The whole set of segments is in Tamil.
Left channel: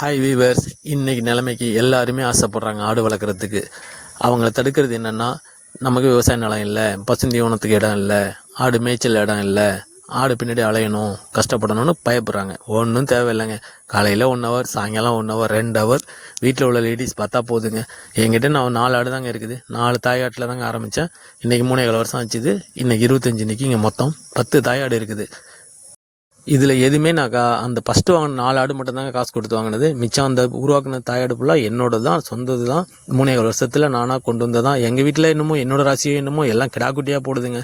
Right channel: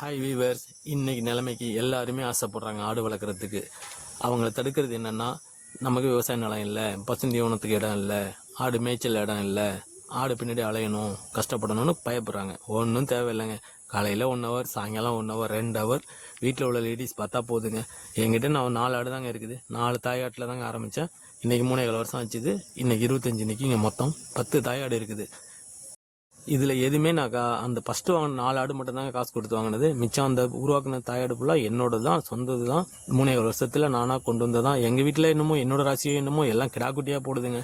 ஹாய் வீவர்ஸ், இன்றைக்கி நிலைமைக்கு எல்லாருமே ஆசைப்பட்றாங்க ஆடு வளர்க்குறதுக்கு. அவங்கள தடுக்கிறது என்னென்னா, நமக்கு விவசாய நிலம் இல்லை, பசுந்தீவனத்துக்கு இடம் இல்லை, ஆடு மேய்ச்சல் இடம் இல்லை, ஆடு பின்னாடி அலையணும், கஷ்டப்படணும்னு பயப்படுறாங்க. ஒன்றும் தேவையில்லைங்க. காலையில் 1 ஹவர், சாயங்காலம் 1 ஹவர், 2 ஹவர் வீட்டில் உள்ள லேடிஸ் பார்த்தா போதுங்க. என்கிட்ட நான் 4 ஆடு தாங்க இருக்குது. 4 தாயாட்டில் தாங்க ஆரம்பித்தேன். இன்றைக்கி 3.5 வருஷம் ஆச்சுது. இன்றைக்கி 25 நிற்கி இங்கே மொத்தம் 10 தாயாடு இருக்குது. இதில் எதுவுமே நான் அந்த ஃபஸ்ட்டு வாங்கின 4 ஆடு மட்டும்தாங்க காசு கொடுத்து வாங்கினது. மிச்சம் அந்த உருவாக்குன தாயாடு ஃபுல்லாக என்னோட தான், சொந்தது தான். 3.5 வருஷத்தில் நானாக கொண்டு வந்ததான். எங்கள் வீட்டில் என்னமோ என்னோட ராசியோ என்னமோ எல்லாம் கிடா குட்டியாக போடுதுங்க.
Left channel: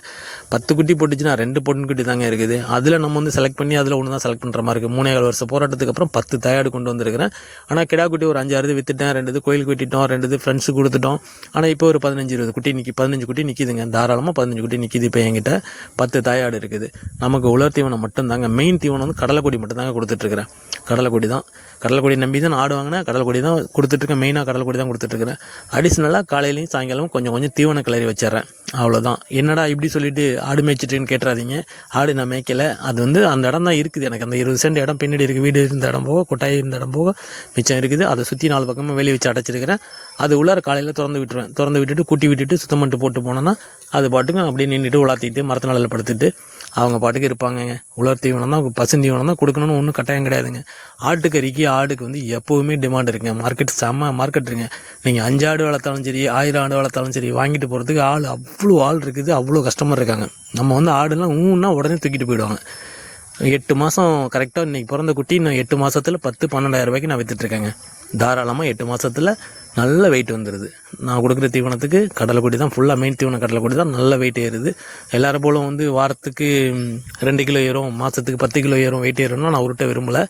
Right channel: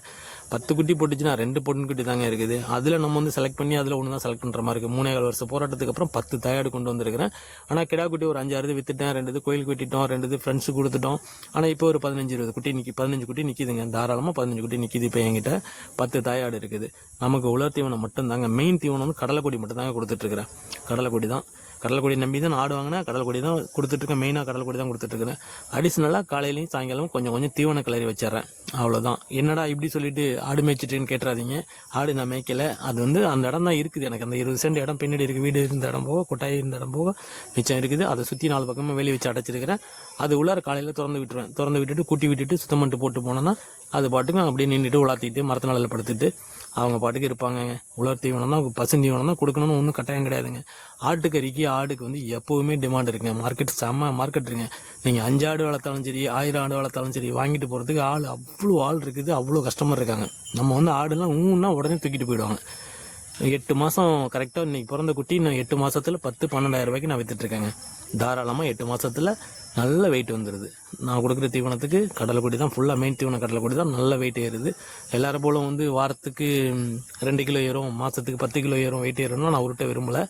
10 குட்டி போட்டுச்சுன்னா 2 பொண்ணு குட்டி தாங்க இருக்குது. அதில் நம்ம வந்து செலக்ட் பண்ணி அதில் ஒன்று தான் செலக்ட் பண்ணுற மாதிரி இருக்குது. 3.5 வருஷம் போராட்டத்துக்கு அப்புறம் 10 தாயாடு கொண்டு வந்திருக்கிறேன். ஆனால் கிடா குட்டி ஒரு 5-6 விற்றுட்டேன். 2 கோயிலுக்கு வெட்டிட்டோம், 2 ஃப்ரெண்ட்ஸுக்கு கொடுத்துட்டோம். ஆனால் இப்போ ஒரு 15-20 குட்டி 15 குட்டி நிற்கிதுங்க. தாராளமாக 15 குட்டி நிற்கிது. இப்போ என்கிட்ட 10 தாயாடு இருக்குது. நமக்கு உலர் தீவனம் மட்டும்தாங்க. மெயின் தீவனம் வந்து கடலைக்கொடி மட்டும் தாங்க கொடுத்துட்ருக்கிறேன். கடலைக்கொடி நம்பி தான் ஆடு வாங்கினேன். கடலைக்கொடி தான் கொடுத்துட்ருக்கேன். மெயினாக கடலைக்கொடி தான் கொடுத்துட்ருக்கிறேன். அடிஷ்னலாக காலையிலையும் சாயங்காலம் கொஞ்சம் தீவன கிளறி வச்சிட்றேன். அவ்வளோதான். என்னடா இப்படி சொல்லிட்டு ஆடு மேய்ச்சிட்டுன்னு கேட்டுறாதீங்க. ஆடு நான் மேய்க்கலை. அது வந்து அந்த இடம் தான் இருக்குது. எனக்கு அந்த 20 சென்ட் இடம் பின்னாடி இருக்குது. வீடு இருந்த இடம் போக, கொட்டாய் இருந்த இடம் போக மிச்சம் இருக்குது. அதை சுற்றி 4 பக்கமாக வெளியே வச்சு அடைச்சிருக்கிறேன். அது உள்ளார காலையில் திறந்து விட்டுருவேன். திறந்து விட்டுட்டு கூட்டி விட்டுட்டு சுத்தம் பண்ணிட்டு போட்டு போனோன்னா அது பாட்டுக்கும் அப்படியே நின்றுட்டு உலாத்திட்டு மரத்து நிலையில் படுத்துட்டு அவங்க பாட்டுக்கு இருப்பாங்கங்க. உலர் தீவனம் தான், பசுந்தீவனம் தான் கொடுக்கணும்னு ஒன்றும் கட்டாயம் கிடையாதுங்க. ஆட்டுக்கறிக்கு ஆடுக்கு வந்து எப்போவுமே டிமாண்ட் இருக்குங்க. மார்க்கெட் செம்ம மார்க்கெட் இருக்குங்க. நீங்கள் 5 ஆடு வளர்த்தாலும் சரி, 1000 ஆடு வளர்த்தாலும் சரி, வாங்கிட்டு போகிறதுக்கு அவ்வளோ ஆள் இருக்குது. அவ்வளோ கஸ்டமர் இருக்காங்க. நம்ம வந்து ஆடுலாம் ஊன்னா உடனே தூக்கிட்டு போயிடுவாங்க. 8 மாதம் கரெக்டாக இன்றைக்கி பிறந்த குட்டி நான் 8 மாதத்தில் 10-12 ரூபாய்க்கு நான் விற்றுட்ருக்கேங்க. தாராளமாக 8 மாதத்தில் நல்ல வெயிட் வந்துடுது. நான் கொடுக்குற தீவனத்துக்கு கடலைக்கொடி தான் ஃபுல்லாக. மெயின் தீவனம் கடலைக்கொடி தான். நல்ல வெயிட் ஏறுது. எல்லோரும் போல் வந்து வாரத்துக்கு 2 கிலோ ஏறும், மாதத்துக்கு 10 கிலோ ஏறும், வெயிட் ஏறும்னா நான் உருட்ட விரும்பலை.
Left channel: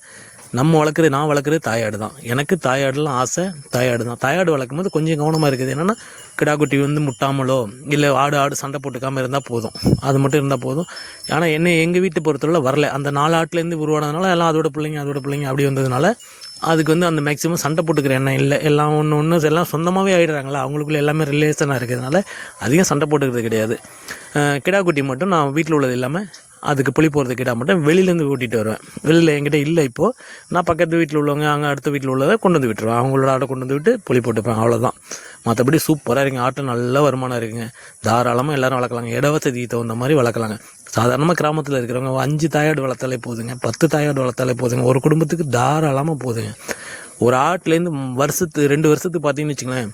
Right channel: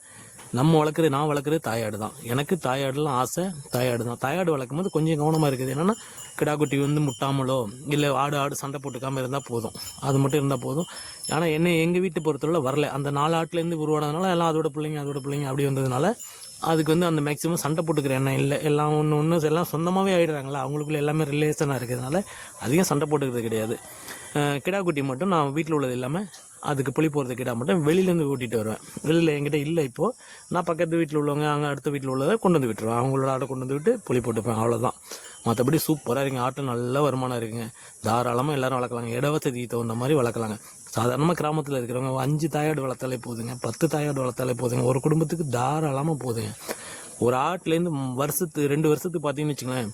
நான் வளர்க்குறது தாயாடு தான். எனக்கு தாயாடுலாம் ஆசை. தாயாடு தான். தாயாடு வளர்க்கும் போது கொஞ்சம் கவனமாக இருக்குது. என்னென்னா கிடாக்குட்டி வந்து முட்டாமலோ இல்லை ஆடு சண்டை போட்டுக்காமல் இருந்தால் போதும். அது மட்டும் இருந்தால் போதும். ஆனால் எங்கள் வீட்டு பொறுத்தவரை வரல. அந்த 4 ஆட்டிலேருந்து உருவானதுனால எல்லாம் அதோட பிள்ளைங்க அப்படி வந்ததுனால அதுக்கு வந்து அந்த மேக்ஸிமம் சண்டை போட்டுக்கிற எண்ணம் இல்லை. எல்லாம் ஒன்று எல்லாம் சொந்தமாகவே ஆகிடுறாங்களா. அவங்களுக்குள்ள எல்லாமே ரிலேஷனாக இருக்கிறதுனால அதிகம் சண்டை போட்டுக்கிறது கிடையாது. கிடாக்குட்டி மட்டும் நான் வீட்டில் உள்ளது இல்லாமல் அதுக்கு புளி போகிறது கிடா மட்டும் வெளியிலேருந்து கூட்டிகிட்டு வருவேன். வெளியில் என்கிட்ட இல்லை இப்போது. நான் பக்கத்து வீட்டில் உள்ளவங்க, அங்கே அடுத்த வீட்டில் உள்ளதை கொண்டு வந்து விட்டுருவேன். அவங்களோட ஆட்டை கொண்டு வந்து விட்டு புளி போட்டுப்பேன். அவ்வளோதான். மற்றபடி சூப்பராக இருக்குங்க. ஆட்டை நல்ல வருமானம் இருக்குங்க. தாராளமாக எல்லோரும் வளர்க்கலாங்க. இட வசதிக்கு தகுந்த மாதிரி வளர்க்கலாங்க. சாதாரணமாக கிராமத்தில் இருக்கிறவங்க 5 தாயாடு வளர்த்தாலே போதுங்க, 10 தாயாடு வளர்த்தாலே போதுங்க. ஒரு குடும்பத்துக்கு தாராளமாக போதுங்க. ஒரு ஆட்டிலேருந்து 2 வருஷத்துக்கு பார்த்தீங்கன்னு வச்சுங்களேன்,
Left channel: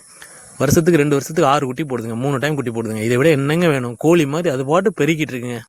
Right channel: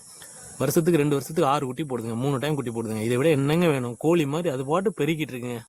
வருஷத்துக்கு 2 வருஷத்துக்கு 6 குட்டி போடுதுங்க. 3 டைம் குட்டி போடுதுங்க. இதை விட என்னங்க வேணும்? கோழி மாதிரி அது பாட்டு பெருக்கிட்டு இருக்குங்க.